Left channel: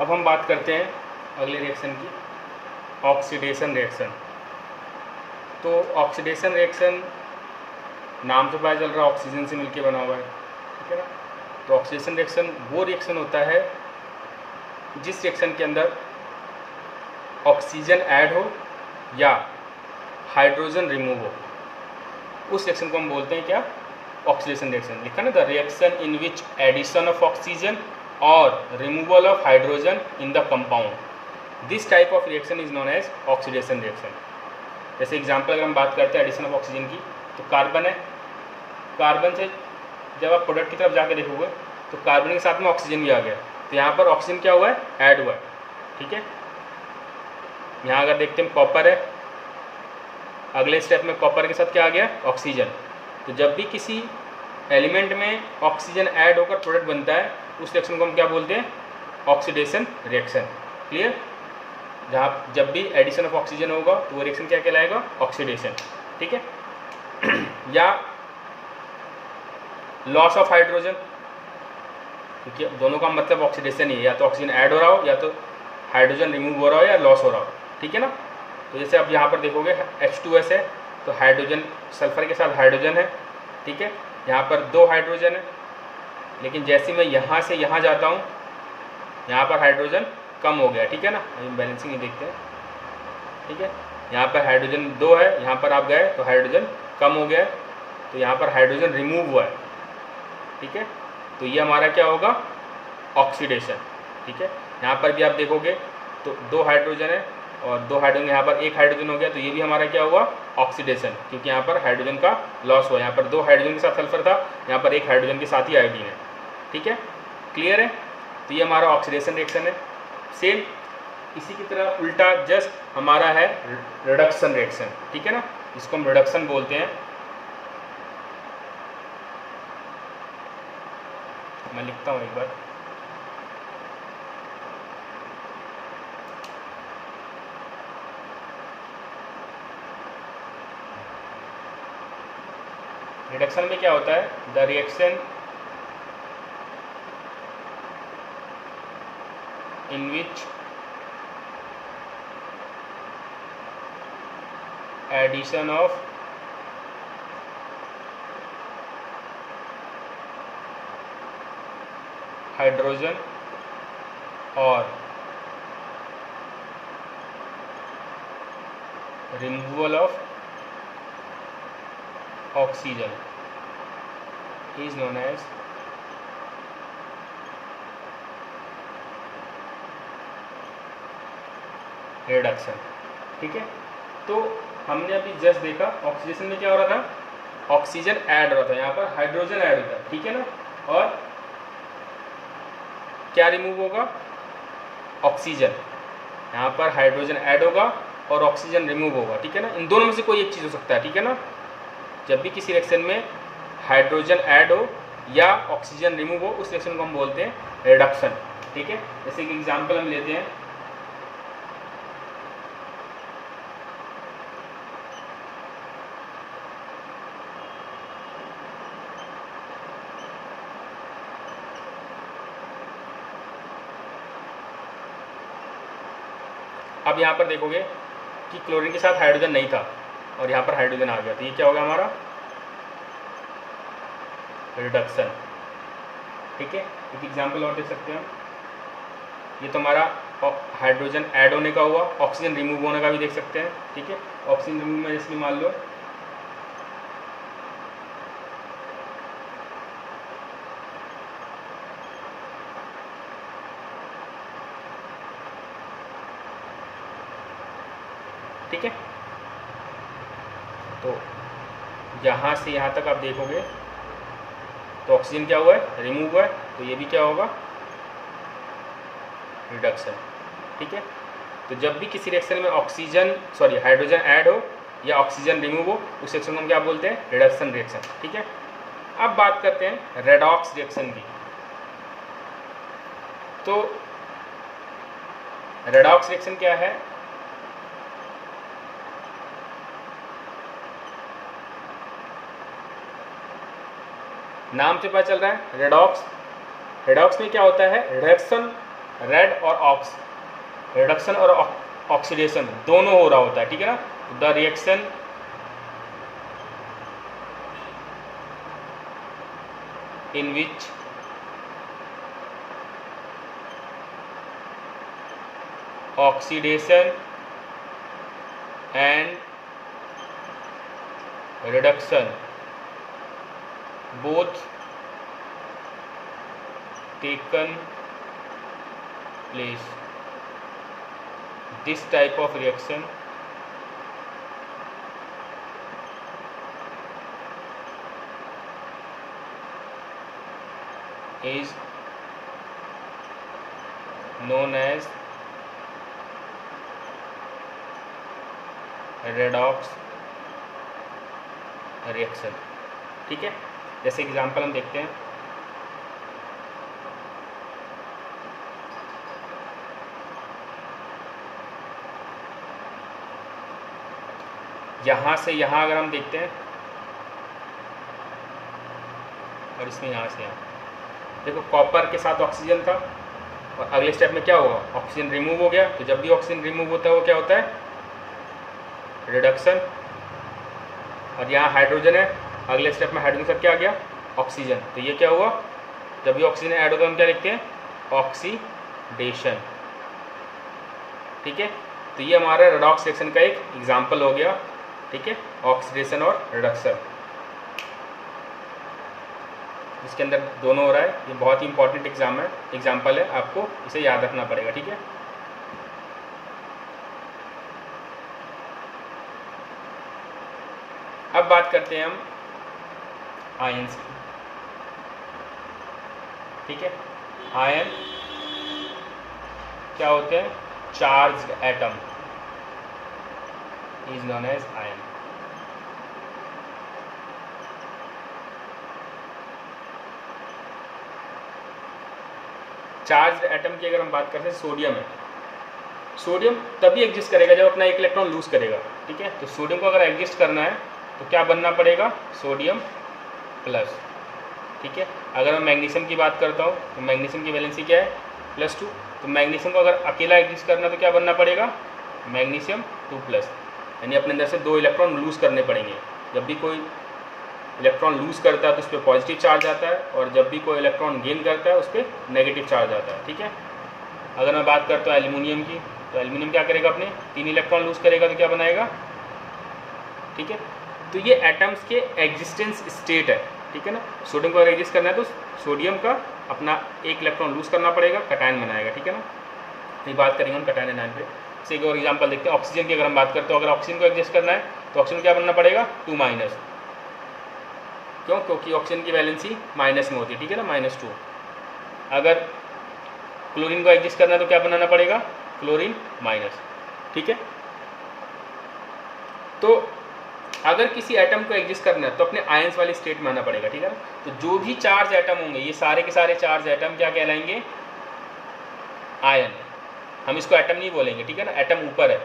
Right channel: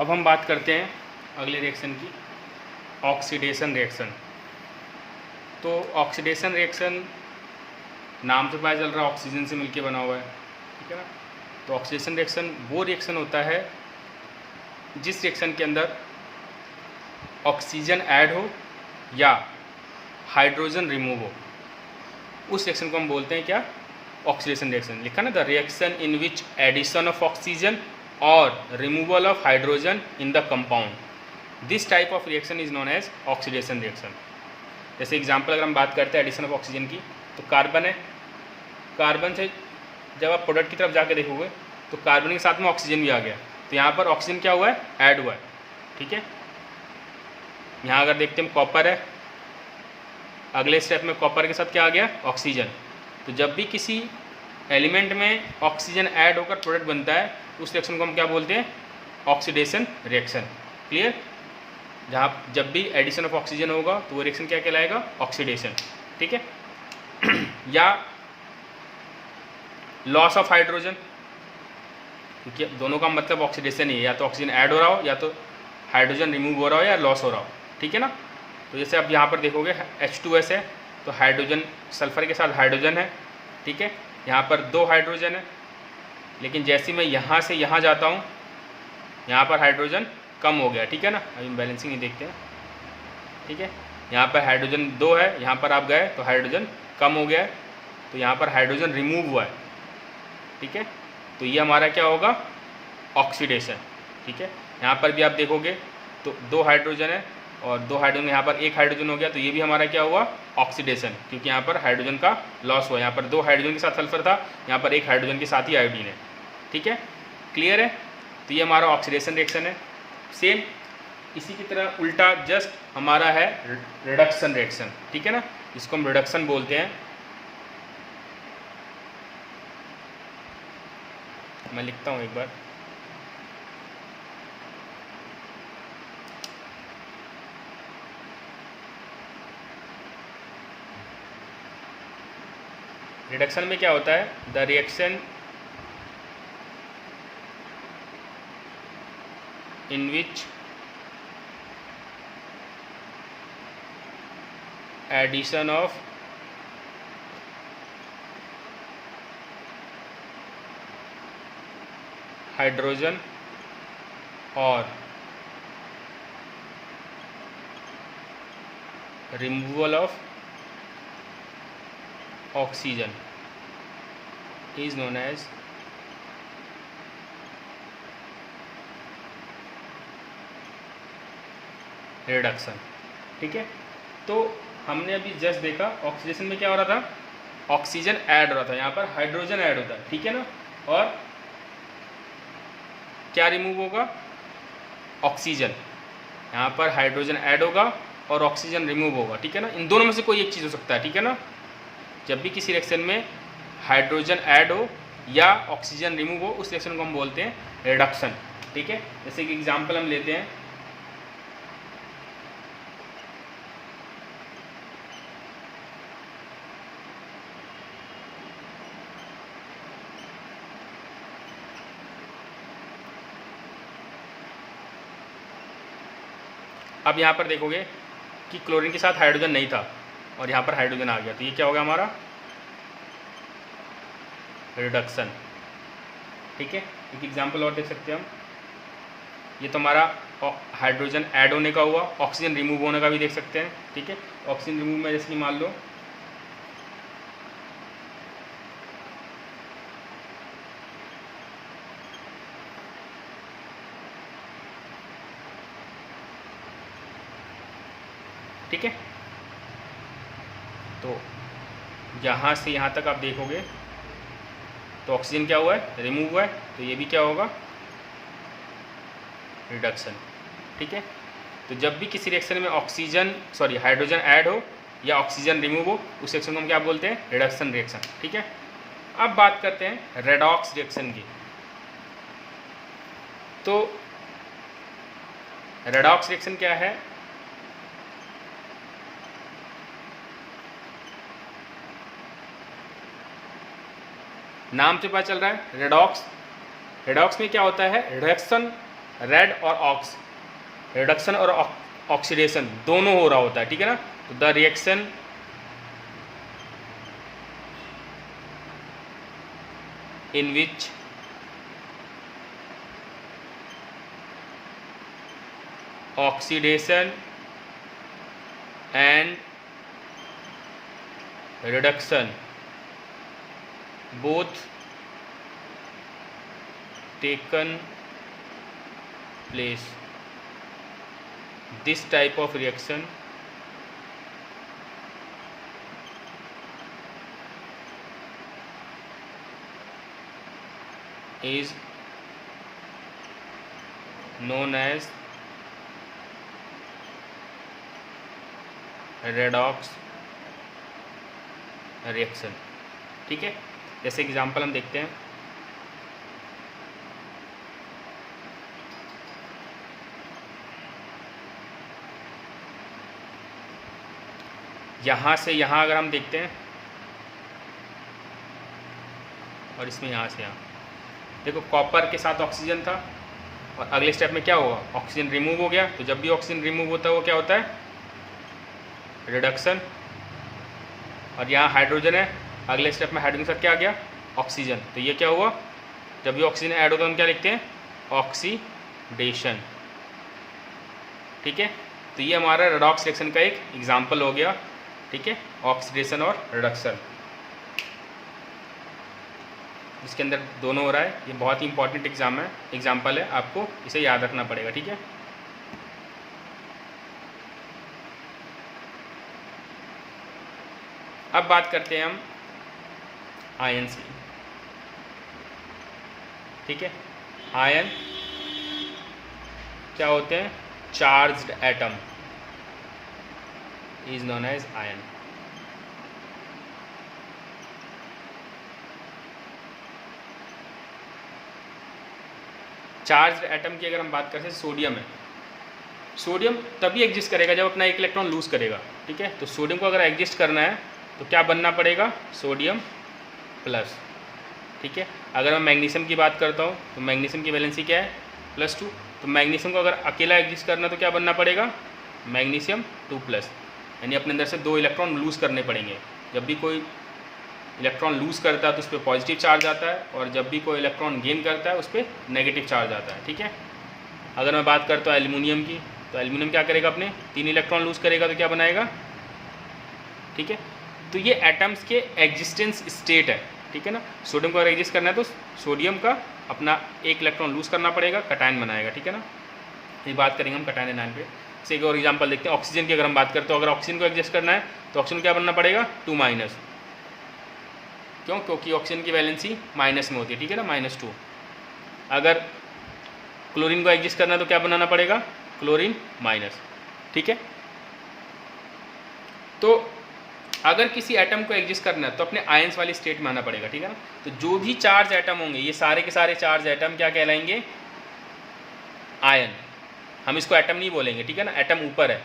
अब हम बात करते हैं अगले रिएक्शन की, ऑक्सीडेशन रिएक्शन। तो ऑक्सीडेशन रिएक्शन नाम से पता चल रहा है ऑक्सीजन से मिलकर बना हुआ है, ठीक है ना। तो ऑक्सीडेशन रिएक्शन वो रिएक्शन होता है जिस रिएक्शन के अंदर ऑक्सीजन ऐड हो या हाइड्रोजन रिमूव हो, उस रिएक्शन को हम बोलते हैं क्या, ऑक्सीडेशन रिएक्शन। लिखा ना, the reaction in which addition of oxygen और removal of hydrogen in the compound, this type of reaction is known as oxidation reaction. जैसे एग्जांपल अगर हम बात करते हैं एडिशन ऑफ ऑक्सीजन की, तो कार्बन है, कार्बन से जब आप प्रोडक्ट की तरफ जाकर देखोगे तो कार्बन के साथ में ऑक्सीजन भी आ गया, तो यहाँ पर ऑक्सीजन क्या हुआ है, ऐड हुआ है, ठीक है। यहाँ अगर देखते हैं कॉपर है, अगले स्टेप में कॉपर के साथ क्या आ गया, ऑक्सीजन। तो जब भी किसी एलिमेंट में ऑक्सीजन ऐड होकर प्रोडक्ट बनता है, उस रिएक्शन को हम क्या बोलते हैं, ऑक्सीडेशन रिएक्शन। क्लियर। जहाँ जब भी एडिशन ऑफ ऑक्सीजन होगा तो वो रिएक्शन क्या कहलाएगा, ऑक्सीडेशन, ठीक है। या लॉस ऑफ हाइड्रोजन, क्योंकि दोनों का मतलब ऑक्सीडेशन ही है, या तो ऑक्सीजन ऐड हो रहा हो या तो हाइड्रोजन रिमूव हो रहा हो या लॉस हो रहा हो, ठीक है ना। तो जैसे अब यहाँ पर देखोगे H2S है, तो हाइड्रोजन सल्फर के साथ हाइड्रोजन है, ठीक है। यहाँ पर 2 हाइड्रोजन है, लेकिन जैसे मैं यहाँ से यहाँ जाता हूँ, यहाँ पर हाइड्रोजन कम हो गया, ठीक है ना। अभी बैलेंसिंग ही देखते हैं, ठीक है। यहाँ पर हाइड्रोजन 2 है, यहाँ पर आप गए तो हाइड्रोजन कम हो गया है, तो यहाँ पर हाइड्रोजन रिमूव हुआ है, ठीक है। तो ये हमारा क्या होगा, ऑक्सीडेशन, ठीक है। यहाँ पर भी आप देखोगे तो 2 हाइड्रोजन है और 2 हाइड्रोजन, यहाँ पर 1 हाइड्रोजन हो गया, तो ये भी हमारा क्या हुआ, ऑक्सीडेशन, क्योंकि यहाँ पर हाइड्रोजन का लॉस हुआ। यहाँ पर 2 हाइड्रोजन के साथ सल्फर था, यहाँ पर 1 हाइड्रोजन के साथ ही आयोडीन है, ठीक है। क्लियर है। तो ये हमारा ऑक्सीडेशन रिएक्शन है। सेम इसी की तरह उल्टा जस्ट हमारा है रिडक्शन रिएक्शन, ठीक है ना, इसको हम रिडक्शन बोलते हैं। मैं लिखता हूँ एक बार, रिडक्शन में क्या होता है, the reaction in which addition of hydrogen और removal of oxygen is known as reduction, ठीक है। तो हमने अभी जस्ट देखा ऑक्सीडेशन में क्या हो रहा था, ऑक्सीजन ऐड हो रहा था, यहाँ पर हाइड्रोजन ऐड होता है, ठीक है ना, और क्या रिमूव होगा, ऑक्सीजन। यहाँ पर हाइड्रोजन ऐड होगा और ऑक्सीजन रिमूव होगा, ठीक है ना। इन दोनों में से कोई एक चीज़ हो सकता है, ठीक है ना। जब भी किसी रिएक्शन में हाइड्रोजन ऐड हो या ऑक्सीजन रिमूव हो, उस रिएक्शन को हम बोलते हैं रिडक्शन, ठीक है। जैसे कि एग्जांपल हम लेते हैं, अब यहाँ पर देखोगे कि क्लोरीन के साथ हाइड्रोजन नहीं था और यहाँ पर हाइड्रोजन आ गया, तो ये क्या होगा हमारा, रिडक्शन, ठीक है। एक एग्जांपल और देख सकते हैं हम, ये तो हमारा हाइड्रोजन ऐड होने का हुआ, ऑक्सीजन रिमूव होने का भी देख सकते हैं, ठीक है। ऑक्सीजन रिमूव में जैसे मान लो ठीक है। तो यहाँ से यहाँ तक आप देखोगे तो ऑक्सीजन क्या हुआ है, रिमूव हुआ है, तो ये भी क्या होगा, रिडक्शन, ठीक है। तो जब भी किसी रिएक्शन में हाइड्रोजन ऐड हो या ऑक्सीजन रिमूव हो, उस रिएक्शन को हम क्या बोलते हैं, रिडक्शन रिएक्शन, ठीक है। अब बात करते हैं रेडॉक्स रिएक्शन की। तो रेडॉक्स रिएक्शन क्या है, नाम से पता चल रहा है रेडॉक्स। रेडॉक्स में क्या होता है, रेड और ऑक्स, रिडक्शन और ऑक्सीडेशन दोनों हो रहा होता है, ठीक है ना। तो the reaction in which oxidation and reduction both taken place. This type of reaction is known as redox reaction, ठीक है। जैसे एग्जांपल हम देखते हैं, यहाँ से यहाँ अगर हम देखते हैं और इसमें यहाँ से यहाँ, देखो कॉपर के साथ ऑक्सीजन था और अगले स्टेप में क्या होगा, ऑक्सीजन रिमूव हो गया। तो जब भी ऑक्सीजन रिमूव होता है वो क्या होता है, रिडक्शन। और यहाँ हाइड्रोजन है, अगले स्टेप में हाइड्रोजन के साथ क्या आ गया, ऑक्सीजन। तो ये क्या हुआ, जब भी ऑक्सीजन ऐड होता है हम क्या लिखते हैं, ऑक्सीडेशन, ठीक है। तो ये हमारा रेडॉक्स रिएक्शन का एक एग्जाम्पल हो गया, ठीक है, ऑक्सीडेशन और रिडक्शन, इसके अंदर दोनों हो रहा है। ये बहुत ही इंपॉर्टेंट एग्जाम्पल है, आपको इसे याद रखना पड़ेगा, ठीक है। अब बात करते हैं हम आयंस की, ठीक है। आयन क्या होते हैं, charged atom is known as ion. Charged atom की अगर हम बात करते हैं, सोडियम है, सोडियम तभी एग्जिस्ट करेगा जब अपना एक इलेक्ट्रॉन लूज करेगा, ठीक है। तो सोडियम को अगर एग्जिस्ट करना है तो क्या बनना पड़ेगा, सोडियम प्लस, ठीक है। अगर मैं मैग्नीशियम की बात करता हूँ तो मैग्नीशियम की वैलेंसी क्या है, +2। तो मैग्नीशियम को अगर अकेला एग्जिस्ट करना तो क्या बनना पड़ेगा, मैग्नीशियम 2+, यानी अपने अंदर से 2 इलेक्ट्रॉन लूज़ करने पड़ेंगे। जब भी कोई इलेक्ट्रॉन लूज़ करता है तो उस पर पॉजिटिव चार्ज आता है, और जब भी कोई इलेक्ट्रॉन गेन करता है उस पर नेगेटिव चार्ज आता है, ठीक है। अगर मैं बात करता हूँ एल्यूमिनियम की, तो एल्यूमिनियम क्या करेगा, अपने 3 इलेक्ट्रॉन लूज़ करेगा तो क्या बनाएगा, ठीक है। तो ये एटम्स के एग्जिस्टेंस स्टेट है, ठीक है ना। सोडियम को अगर एग्जिस्ट करना है तो सोडियम का अपना 1 इलेक्ट्रॉन लूज करना पड़ेगा, कटायन बनाएगा, ठीक है ना। ये बात करेंगे हम कटायन एनायन पे। जैसे एक और एग्जांपल देखते हैं, ऑक्सीजन की अगर हम बात करते हैं, तो अगर ऑक्सीजन को एग्जिस्ट करना है तो ऑक्सीजन क्या बनना पड़ेगा, 2-, क्यों, क्योंकि ऑक्सीजन की वैलेंसी माइनस में होती है, ठीक है ना, -2। अगर क्लोरीन को एग्जिस्ट करना है तो क्या बनाना पड़ेगा, क्लोरीन -, ठीक है। तो अगर किसी एटम को एग्जिस्ट करना है तो अपने आयंस वाली स्टेट में आना पड़ेगा, ठीक है ना। तो जो भी चार्ज एटम होंगे, ये सारे के सारे चार्ज एटम क्या कहलाएंगे, आयन। हम इसको एटम नहीं बोलेंगे, ठीक है ना, एटम ऊपर है।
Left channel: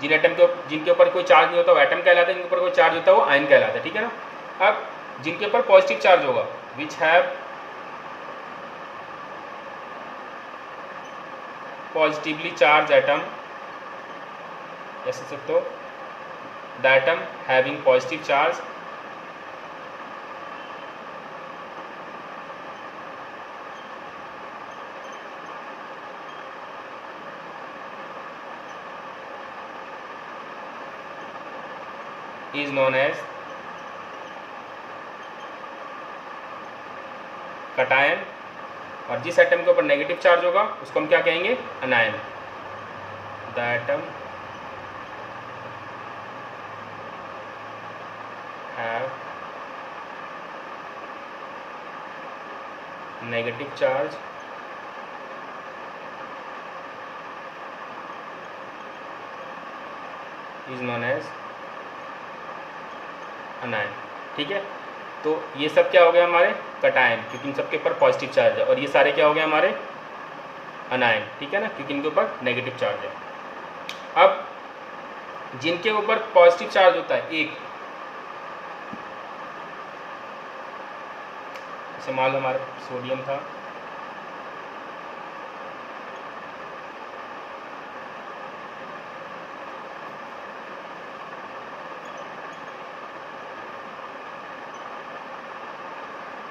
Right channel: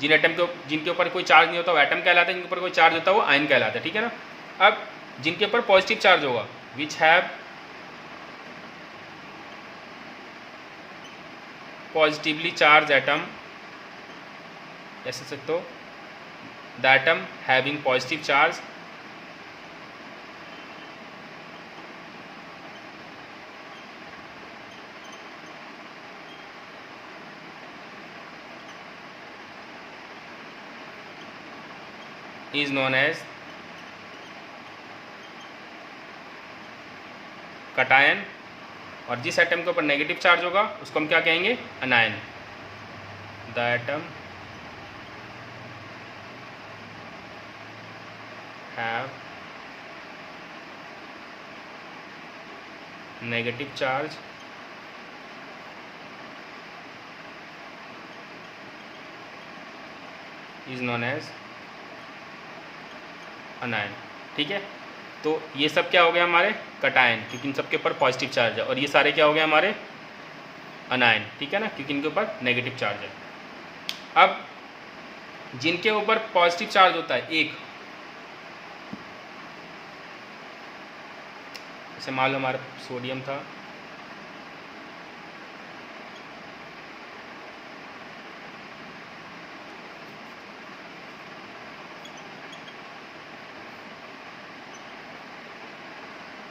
जिनके ऊपर कोई चार्ज नहीं होता वो एटम कहलाता है, जिनके ऊपर कोई चार्ज होता है वो आयन कहलाता है, ठीक है ना। अब जिनके ऊपर पॉजिटिव चार्ज होगा, which have positively charge atom, ऐसे सकते हो, the atom having positive charge is known as cation, और जिस एटम के ऊपर नेगेटिव चार्ज होगा उसको हम क्या कहेंगे, अनायन। The atom have negative charge is known as अनायन, ठीक है। तो ये सब क्या हो गया हमारे कटायन, क्योंकि इन सब के ऊपर पॉजिटिव चार्ज है, और ये सारे क्या हो गए हमारे अनायन, ठीक है ना, क्योंकि इनके ऊपर नेगेटिव चार्ज है। अब जिनके ऊपर पॉजिटिव चार्ज होता है एक, जैसे मान लो हमारा सोडियम था,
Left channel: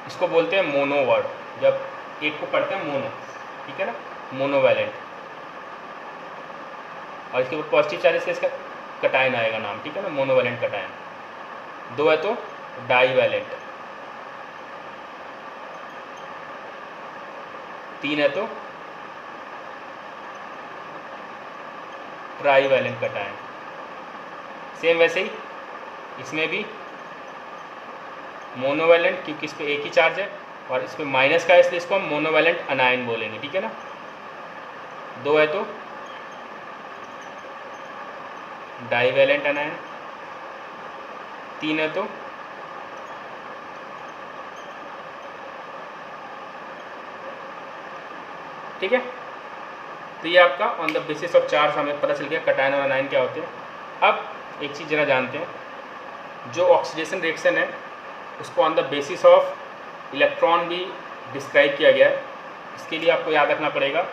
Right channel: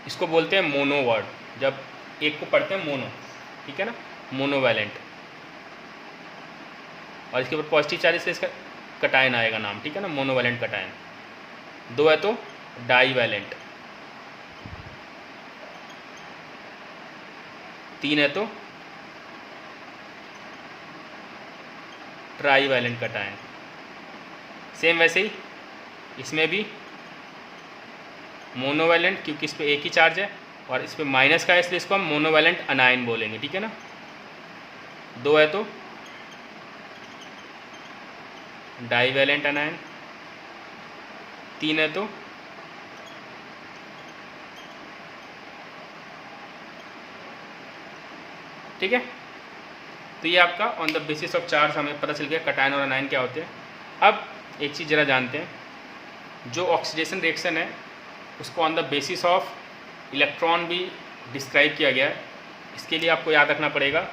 इसको बोलते हैं मोनो वर्ड, जब एक को पढ़ते हैं मोनो, ठीक है ना, मोनोवैलेंट। और इसके ऊपर पॉजिटिव चार्ज से इसका कटायन आएगा नाम, ठीक है ना, मोनोवैलेंट कटायन। 2 है तो डाईवैलेंट, 3 है तो ट्राईवैलेंट कटायन। सेम वैसे ही इसमें भी मोनोवैलेंट, क्योंकि इस पर एक ही चार्ज है और इस पर माइनस का है, इसलिए इसको हम मोनोवैलेंट अनायन बोलेंगे, ठीक है ना। 2 है तो डाईवैलेंट अनायन, 3 है तो ठीक है। तो ये आपका on the basis of charge हमें पता चल गया कटायन और अनायन क्या होते हैं। अब एक चीज़ जरा जानते हैं, जो ऑक्सीडेशन रिएक्शन है उसको on the basis of electron भी डिस्क्राइब किया गया है। इसके लिए आपको याद रखना पड़ेगा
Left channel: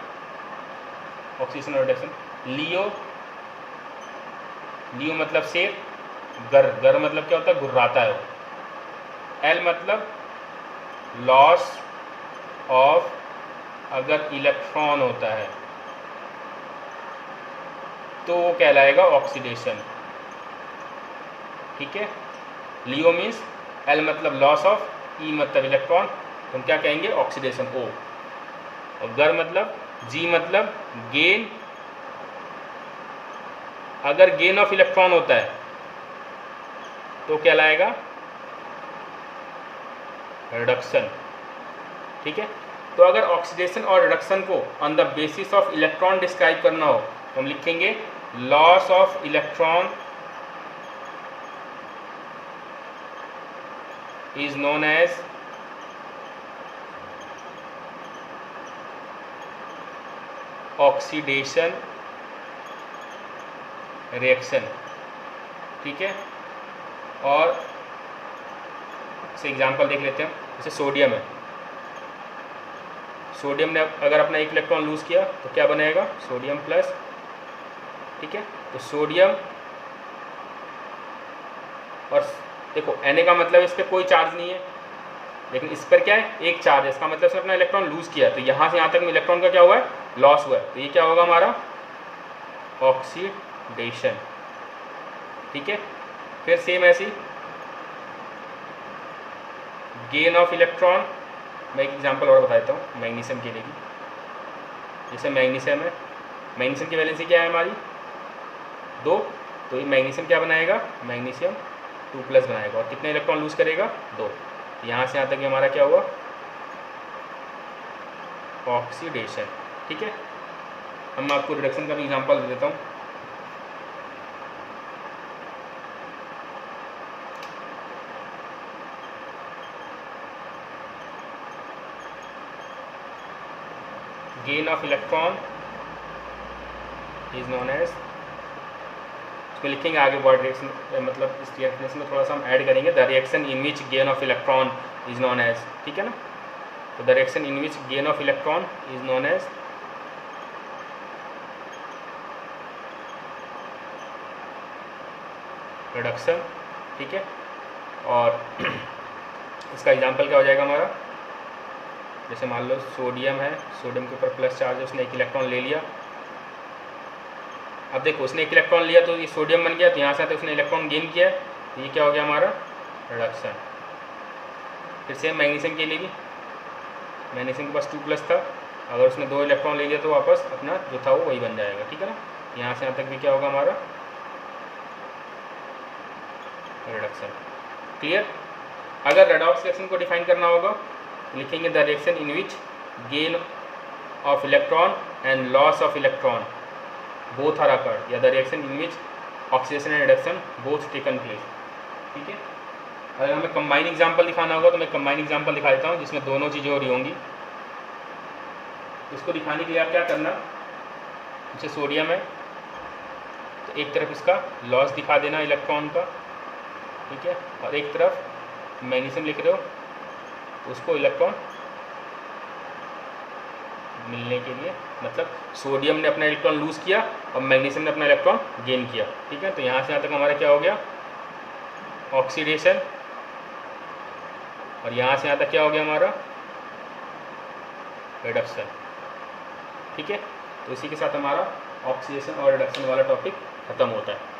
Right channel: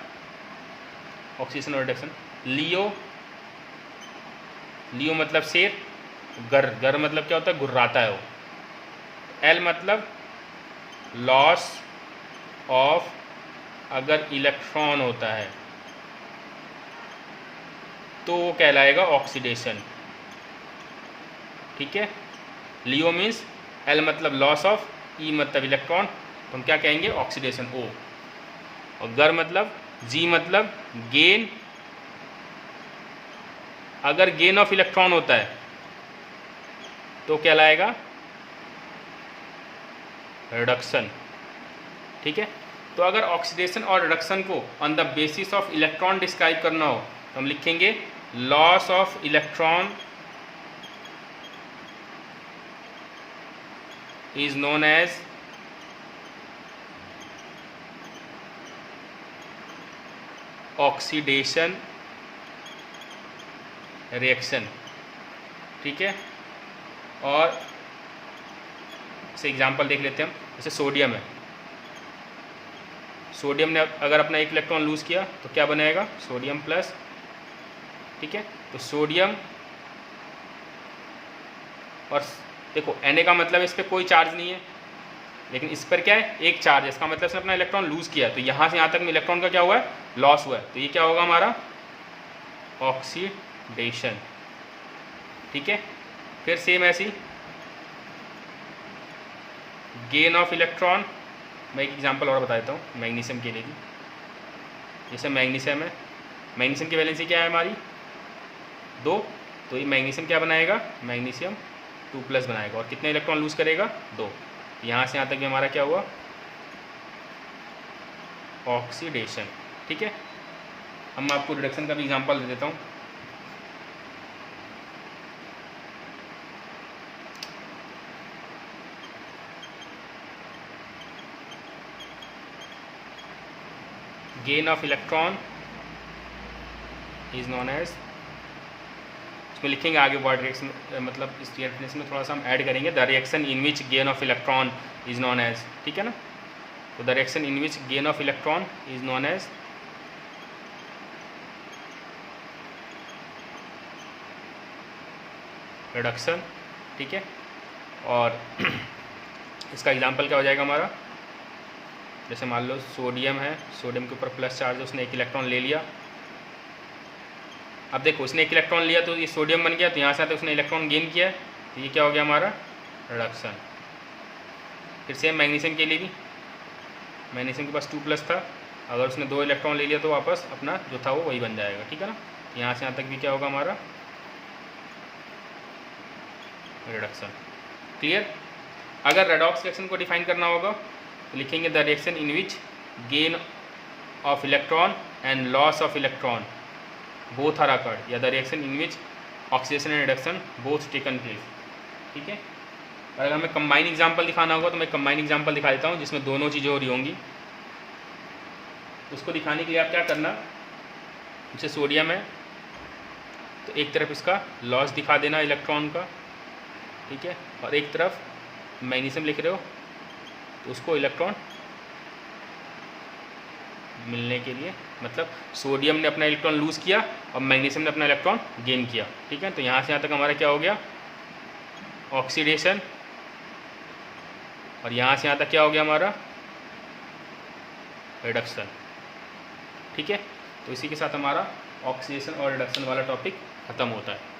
ऑक्सीडेशन और रिडक्शन, लियो, लियो मतलब शेर, गर, गर मतलब क्या होता है, गुर्राता है वो। एल मतलब लॉस ऑफ, अगर इलेक्ट्रॉन होता है तो वो कहलाएगा ऑक्सीडेशन, ठीक है। लियो मीन्स, एल मतलब लॉस ऑफ, ई मतलब इलेक्ट्रॉन, हम क्या कहेंगे, ऑक्सीडेशन, ओ। और गर मतलब, जी मतलब गेन, अगर गेन ऑफ इलेक्ट्रॉन होता है तो कहलाएगा रिडक्शन, ठीक है। तो अगर ऑक्सीडेशन और रिडक्शन को on the basis of electron describe करना हो तो हम लिखेंगे loss of electron is known as oxidation reaction, ठीक है। और इसे एग्जांपल देख लेते हैं हम, जैसे सोडियम है, सोडियम ने अगर अपना एक इलेक्ट्रॉन लूज किया तो क्या बनेगा, सोडियम प्लस, ठीक है। तो सोडियम, और देखो Na का मतलब इस पर कोई चार्ज नहीं है, लेकिन इस पर क्या है, एक चार्ज है, इसका मतलब इसने अपना इलेक्ट्रॉन लूज किया, तो यहाँ से यहाँ तक में इलेक्ट्रॉन का क्या हुआ है, लॉस हुआ है, तो ये क्या होगा हमारा ऑक्सीडेशन, ठीक है। फिर सेम ऐसी गेन ऑफ इलेक्ट्रॉन, मैं एक एग्जांपल और बता देता हूँ मैग्नीशियम के लिए भी। जैसे मैग्नीशियम है, मैग्नीशियम की वैलेंसी क्या है हमारी 2, तो ये मैग्नीशियम क्या बनाएगा, मैग्नीशियम 2+ बनाएगा, और कितने इलेक्ट्रॉन लूज करेगा, 2। यहाँ से यहाँ तक हमारा क्या हुआ, ऑक्सीडेशन, ठीक है। अब मैं आपको रिडक्शन का भी एग्जांपल दे देता हूँ। Gain of electron is known as, इसको लिखेंगे आगे वर्ड रिएक्शन, मतलब इस रिएक्शन में थोड़ा सा हम ऐड करेंगे, the reaction in which gain of electron is known as, ठीक है ना। तो the reaction in which gain of electron is known as reduction, ठीक है। और इसका एग्जांपल क्या हो जाएगा हमारा, जैसे मान लो सोडियम है, सोडियम के ऊपर प्लस चार्ज है, उसने एक इलेक्ट्रॉन ले लिया। अब देखो उसने एक इलेक्ट्रॉन लिया तो ये सोडियम बन गया, तो यहाँ से तो उसने इलेक्ट्रॉन गेन किया है, तो ये क्या हो गया हमारा रिडक्शन। फिर सेम मैग्नीशियम के लिए भी, मैग्नीशियम के पास 2+ था, अगर उसने 2 इलेक्ट्रॉन ले लिया तो वापस अपना जो था वो वही बन जाएगा, ठीक है ना। यहाँ से यहाँ तक भी क्या होगा हमारा रिडक्शन, क्लियर। अगर रेडॉक्स रिएक्शन को डिफाइन करना होगा तो लिखेंगे the reaction in which gain of electron and loss of electron both are occurred, या the reaction in which oxidation and reduction both taken place, ठीक है। अगर हमें कंबाइन एग्जांपल दिखाना होगा तो मैं कंबाइन एग्जांपल दिखा देता हूँ जिसमें दोनों चीज़ें हो रही होंगी। इसको दिखाने के लिए आप क्या करना, जैसे सोडियम है तो एक तरफ इसका लॉस दिखा देना इलेक्ट्रॉन का, ठीक है, और एक तरफ मैग्नीशियम लिख रहे हो तो उसको इलेक्ट्रॉन मिलने के लिए, मतलब सोडियम ने अपना इलेक्ट्रॉन लूज किया और मैग्नीशियम ने अपना इलेक्ट्रॉन गेन किया, ठीक है। तो यहाँ से यहाँ तक हमारा क्या हो गया ऑक्सीडेशन और यहाँ से यहाँ तक क्या हो गया हमारा रिडक्शन। ठीक है, तो इसी के साथ हमारा ऑक्सीडेशन और रिडक्शन वाला टॉपिक ख़त्म होता है।